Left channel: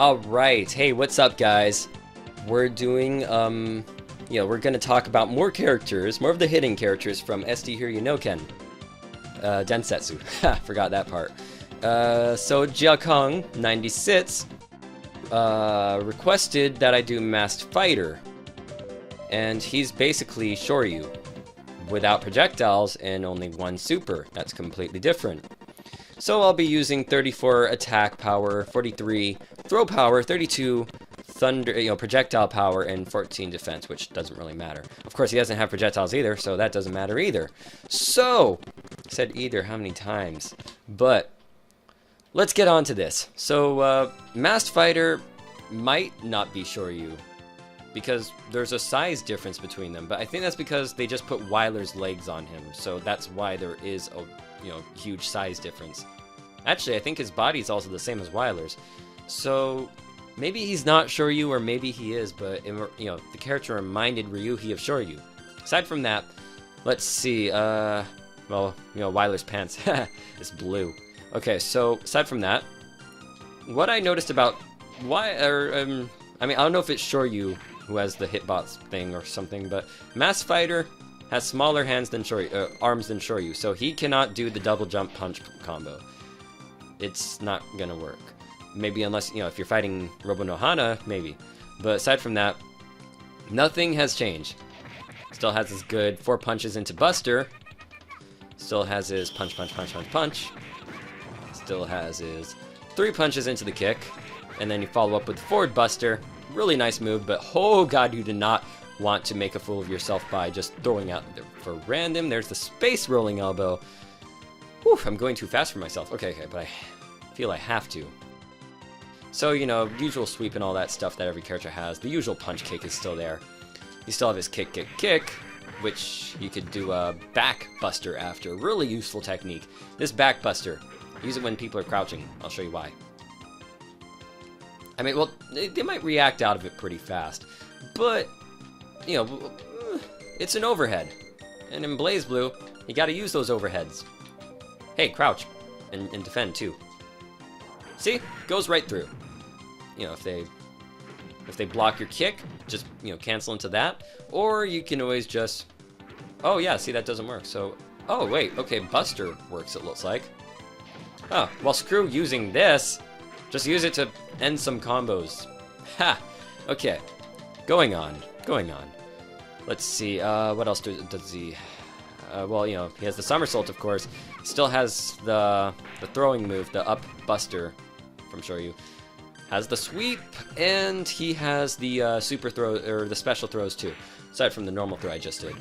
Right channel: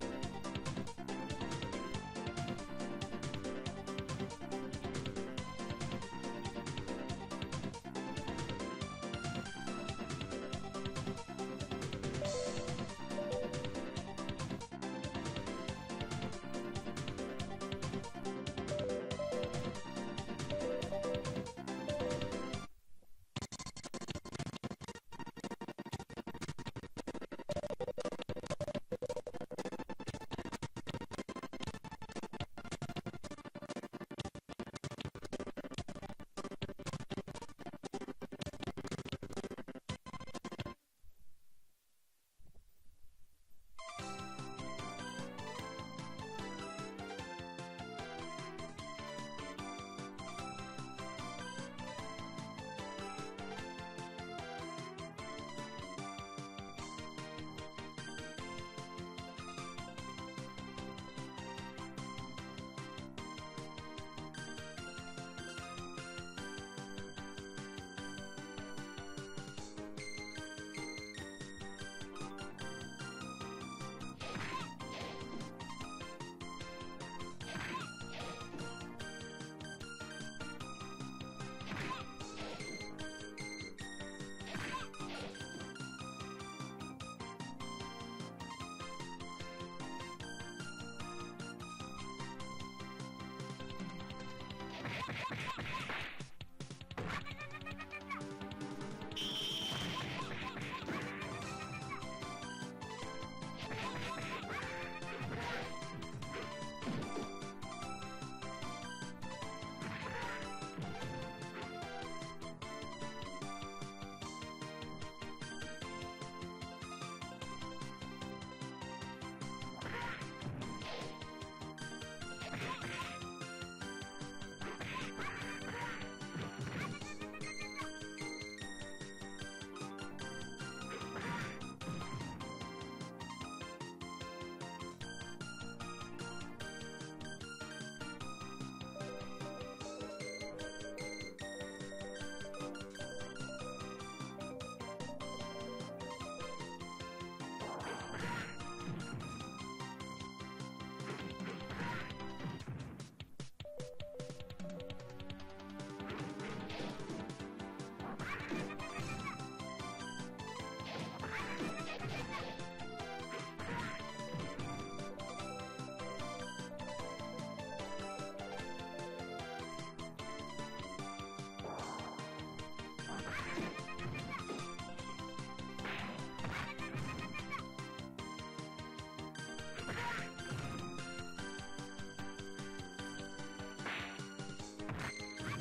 Alright, hey, what's up, guys? We're doing, we're gonna talk about more characters, more of the hidden characters from SD Hiryu no Ken. Densetsu. Ha, forgot that part. So Jiakong, 96, requested that I do Masked Fighter. And he's basically Shouryu, without projectiles and only one super. That's completely different. So I'll be using 34 attack power, 43 throw power, 32 thunder, projectile power, and 14 defense, which doesn't really matter. Of course, he doesn't have projectiles either, so that doesn't matter either. So, I said either how many times? But let's get on to this. So, Masked Fighter might not be Shouryu, because there's a size difference between them, but I think that's because they just put Weiler's legs on him, so that's why there is a huge size difference. Actually, I think his body's also the same as Weiler's, so maybe he's not Shouryu, or maybe he is, but the character reminded Ryuhi of Shouryu. Aside from that, let's see, Weiler's pants is blue. Okay, so aside from that, what I noticed about I don't know if it's Shouryu who has the hitbox thing or something, but Masked Fighter has smaller arms than Shouryu, so he cannot do the double jump punch combo. It's not gonna work. Maybe unless, if you're fighting Robo no Hana, maybe. But aside from that, nothing has changed. Still has his good 4 punches into Buster. Still has his punch, punch, punch, punch, punch. Still has his 3 punches into the kick. And then you follow up with forward Buster. Really nice move, but oh god, you did not want to make a fool of yourself by just throwing out for random. There's the space rolling elbow. Whew, I'm going too fast for myself. Okay, but I feel I have to. So, usual sweep and all that stuff that every character has. The usual punch kick is still there. You still have his kick, kick, kick, which you could do a back buster after. Really useful technique. This back buster, use it when people are crouching. I'll show you why. I mean, well, they might react out of it pretty fast, but, it's an overhead. And in BlazBlue, you gotta use those overheads. Hey, crouch, and defend too. See? Goes right through. If they block your kick, just, cancel into that. Or you can always just, oh yeah, see, that doesn't work. So, oh wait, okay, Buster works, it looks like. Oh, well, screw using this. Just use it to end some combos. Ha! Okay. Going on. Let's see, what else does he... he has the somersault, of course. Still has the throwing move, the up buster from Shouryu. Has the sweep, and he has the super throw, or the special throws too, aside from the normal throw I just did.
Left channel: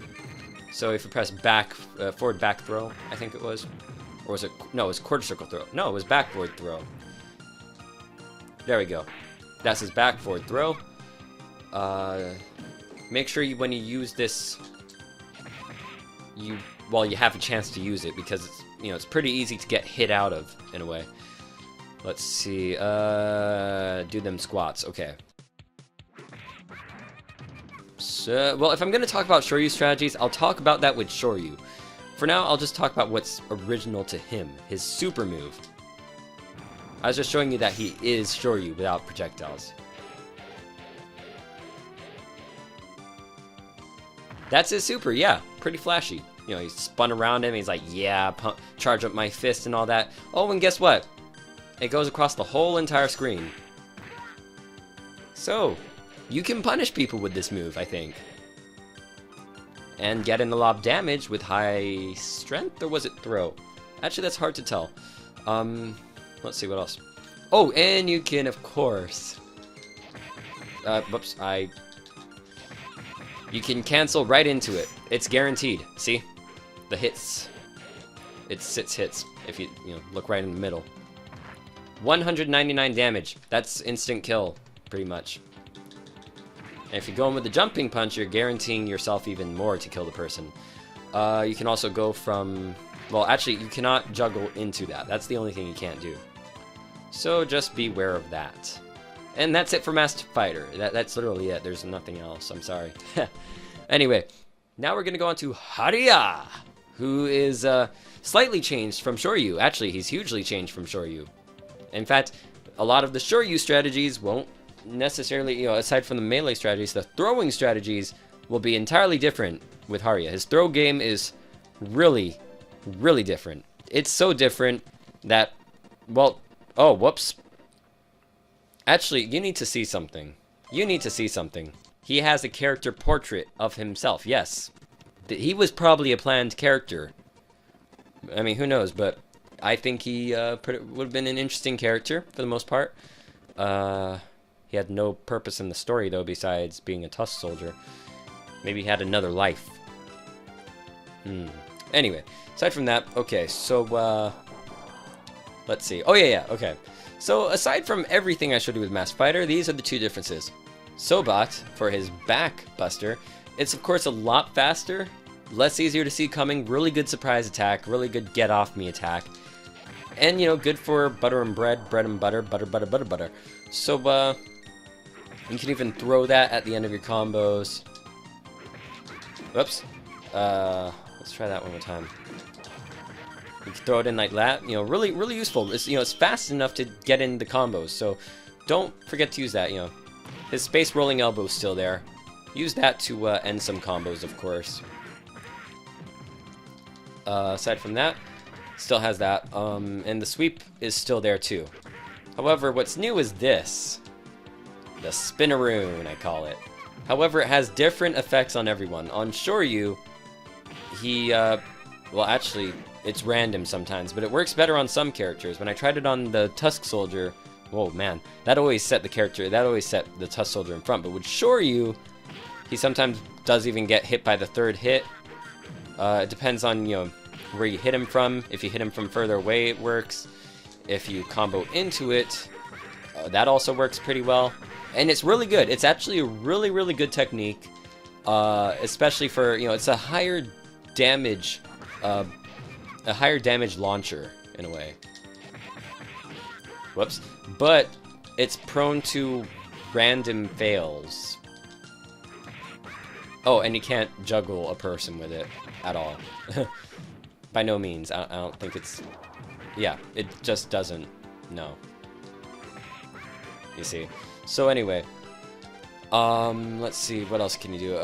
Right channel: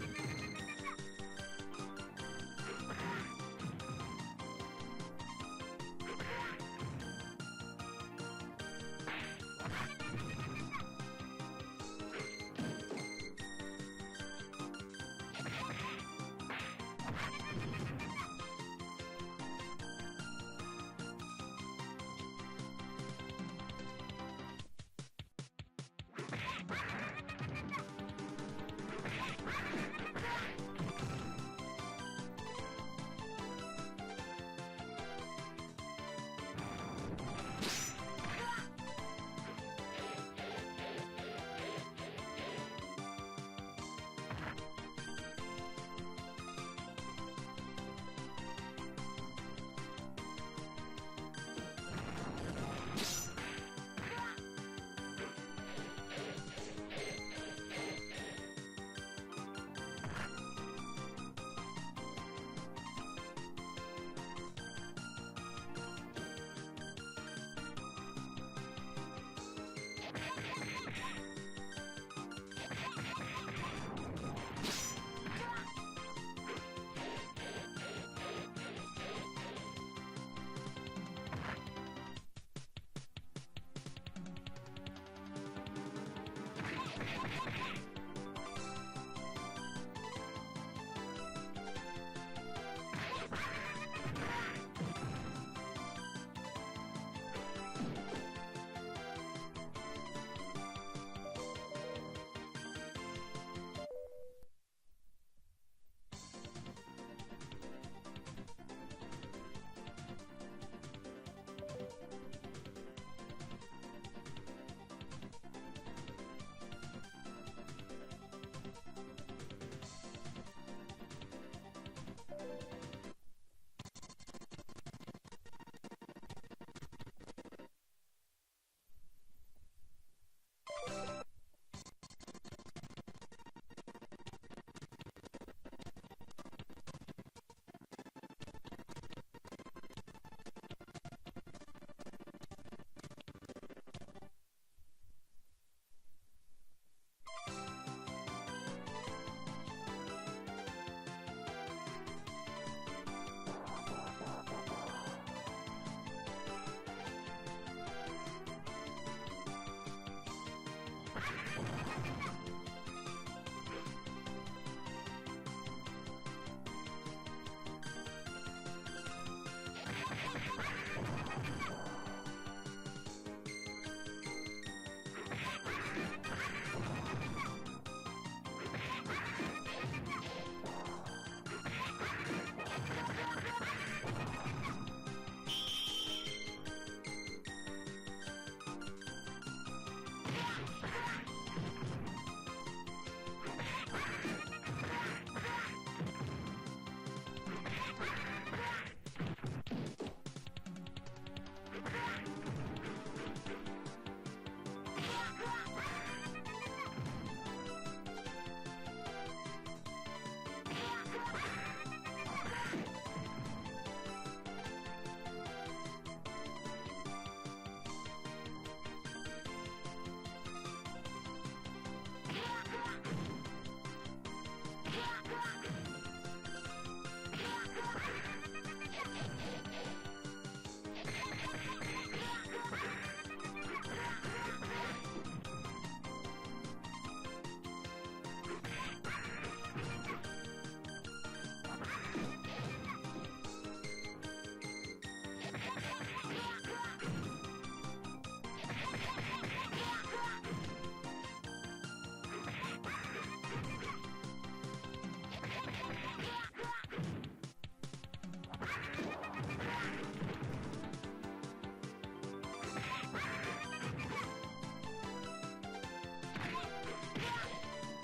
So if you press back, forward back throw, I think it was. Or was it? No, it was quarter circle throw. No, it was back forward throw. There we go. That's his back forward throw. Make sure when you use this, you have a chance to use it, because it's pretty easy to get hit out of in a way. Let's see. Do them squats. Okay. So, well, if I'm gonna talk about Shouryu strategies, I'll talk about that with Shouryu. For now, I'll just talk about what's original to him, his super move. I was just showing you that he is Shouryu without projectiles. That's his super, yeah, pretty flashy. He spun around him, he's like, yeah, charge up my fist and all that. Oh, and guess what? It goes across the whole entire screen. So, you can punish people with this move, I think. And get in a lot of damage with high strength, or was it throw? Actually, that's hard to tell. Let's see, what else? Oh, and you can, of course... whoops, you can cancel right into it. It's guaranteed. See? The hits. It's 6 hits, if you look right in the middle. 199 damage. That's instant kill, pretty much. And if you go in with the jumping punch, you're guaranteeing yourself even more to kill the person. You can also go from... Well, actually, you cannot juggle into that. That's the only thing you can't do. So just beware of that. And that's it for Masked Fighter. That's literally it. There's nothing else. I'm sorry. Anyway, now we're going to go on to Hariyaa, who is slightly changed from Shouryu. Actually, he's hugely changed from Shouryu. In fact, a lot of the Shouryu strategies won't necessarily, you know, aside from the melee strategies, the throwing strategies will be entirely different with Hariyaa. His throw game is really, really different. It's so different that, well, oh, whoops. Actually, you need to see something. You need to see something. He has a character portrait of himself, yes. He was probably a planned character. I mean, who knows, but I think he would have been an interesting character for the most part. He had no purpose in the story, though, besides being a Tusk Soldier. Maybe he had another life. Anyway, aside from that, okay, so, let's see. Oh, yeah, okay. So, aside from everything I showed you with Masked Fighter, these are the two differences. Sobat, for his back buster, it's, of course, a lot faster, less easier to see coming, really good surprise attack, really good get-off-me attack, and, you know, good for butter and bread, bread and butter, butter, butter, butter, butter. So, you can even throw that at the end of your combos. Whoops. Let's try that one more time. You can throw it in like that. You know, really, really useful. It's, you know, it's fast enough to get in the combos. So don't forget to use that. You know, his space rolling elbow is still there. Use that to end some combos, of course. Aside from that, still has that. And the sweep is still there too. However, what's new is this. The Spinneroon, I call it. However, it has different effects on everyone. On Shouryu, he, well, actually, it's random sometimes, but it works better on some characters. When I tried it on the Tusk Soldier, whoa, man, that always set the Tusk Soldier in front. But with Shouryu, he sometimes does even get hit by the third hit. It depends on, you know, where you hit him from. If you hit him from further away, it works. If you combo into it, that also works pretty well. And it's really good. It's actually a really, really good technique, especially for, you know, it's a higher damage launcher in a way. Whoops. But it's prone to random fails. Oh, and you can't juggle a person with it at all. By no means. I don't think it's... Yeah, it just doesn't. No. You see. So anyway, let's see, what else can you do?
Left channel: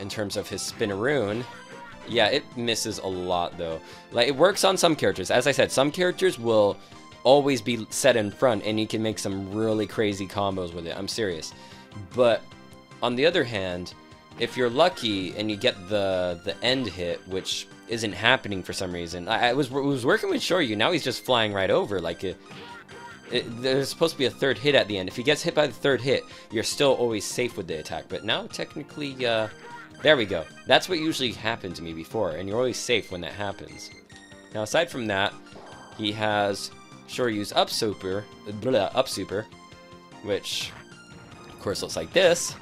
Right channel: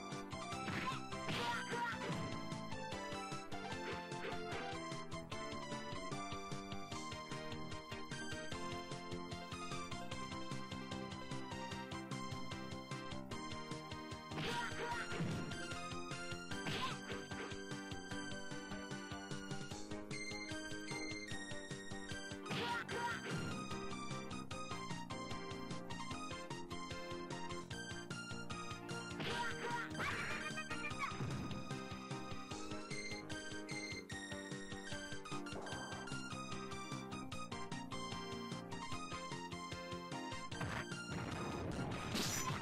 In terms of his Spinneroon, yeah, it misses a lot though. Like, it works on some characters. As I said, some characters will always be set in front, and you can make some really crazy combos with it. I'm serious. But on the other hand, if you're lucky and you get the end hit, which isn't happening for some reason, I was working with Shouryu. Now he's just flying right over like it. There's supposed to be a third hit at the end. If he gets hit by the third hit, you're still always safe with the attack. But now, technically, there we go. That's what usually happened to me before, and you're always safe when that happens. Now, aside from that, he has Shouryu's up super, which, of course, looks like this.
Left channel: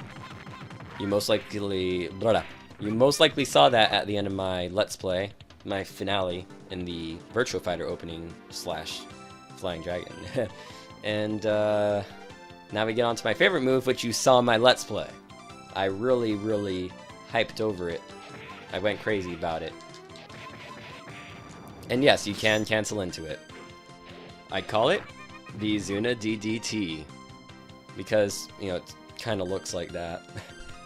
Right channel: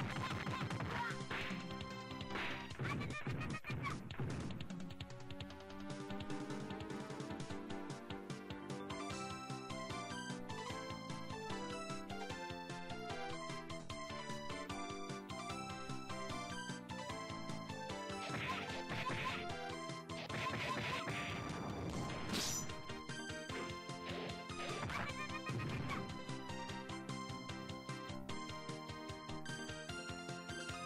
You most likely saw that at the end of my Let's Play, my finale in the Virtua Fighter opening / Flying Dragon. And now we get on to my favorite move, which you saw in my Let's Play. I really, really hyped over it. I went crazy about it. And yes, you can cancel into it. I call it the Izuna DDT. Because, you know, it kind of looks like that.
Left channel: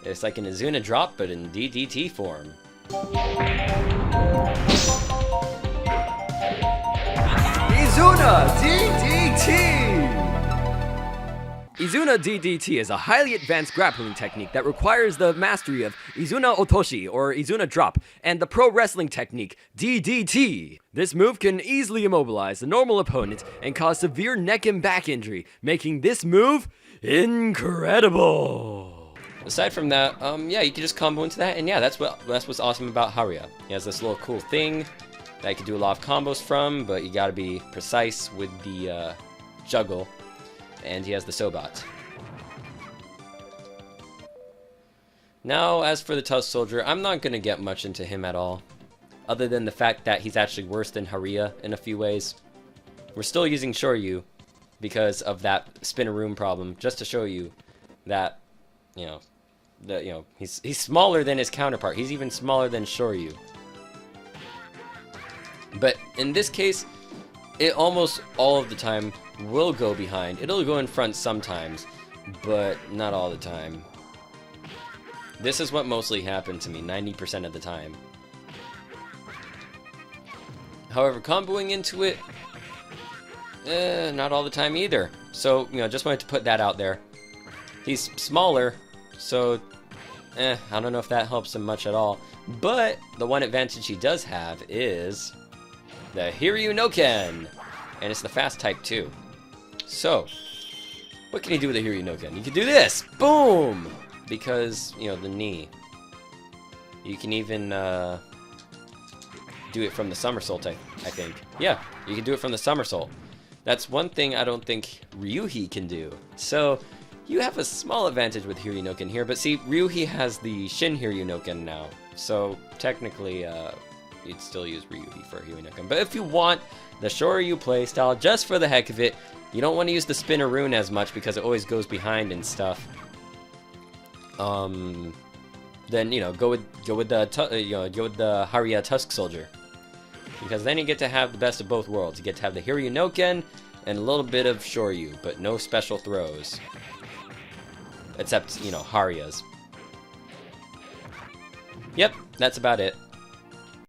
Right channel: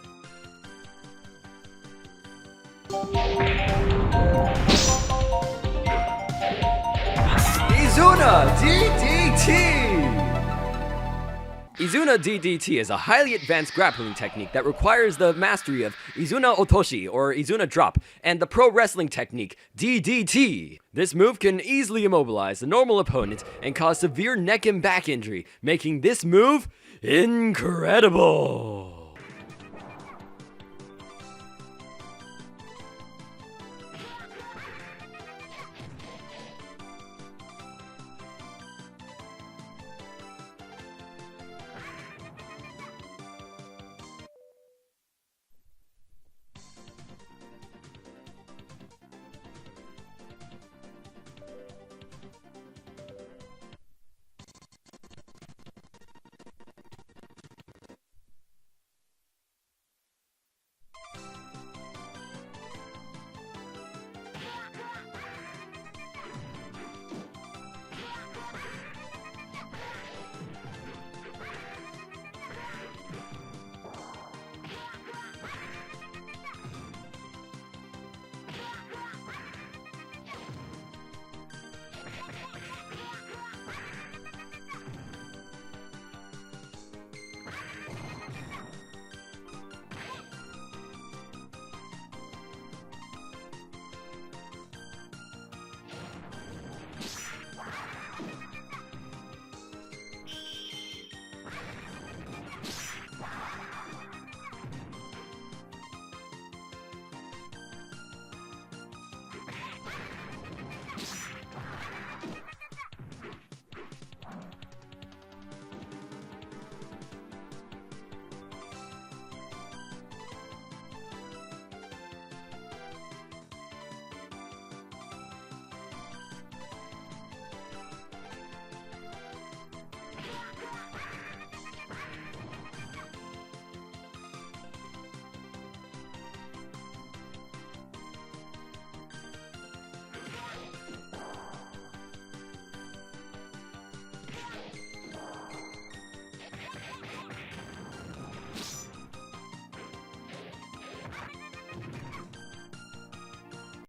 It's like an Izuna drop, but in DDT form. Izuna DDT! Izuna DDT is a highly advanced grappling technique that requires the mastery of Izuna Otoshi, or Izuna Drop, and the pro wrestling technique, DDT. This move can easily immobilize the normal opponent and cause severe neck and back injury, making this move incredible. Aside from that, yeah, you can just combo into that, and yeah, that's what's awesome about Hariyaa. He has this little cool thing that you can do a lot of combos from, but you gotta be precise with the juggle. And he has the Sobat. Now, as for the Tusk Soldier, I'm not gonna get much into him at all, other than the fact that he's actually worse than Hariyaa in a few ways. We're still using Shouryu because of that Spinneroon problem, just to show you that, you know, he's smaller than his counterpart. He's even smaller than Shouryu. But in this case, it almost all of the time will go behind. It'll go in front sometimes, but not all the time. This is what mostly happened to me 90% of the time. However, comboing into it, not all the time either. So, you know, just wanted to put that out there. He's smaller, so, I don't know if that helps him much at all. But the one advantage he does have is the Hiryu no Ken, and it's the fast type too. So, what can he do with the Hiryu no Ken? You can do this, boom, because you know the knee. You can even do it from the somersault, I think. Yeah, you can do it from the somersault. That's one thing I don't think Ryuhi can do. So, you have a small advantage with Hiryu no Ken here, but see, Ryuhi has the Shin Hiryu no Ken now. So, technically, you'd still use Ryuhi for Hiryu no Ken. But if you want the Shouryu playstyle, just for the heck of it, you don't want to use the Spinner Rune as much because it always goes behind and stuff. Then you know, go with the Hariyaa Tusk Soldier, because then you get to have the best of both worlds. You get to have the Hiryu no Ken and a little bit of Shouryu, but no special throws, except you know Hariya's. Yep, that's about it.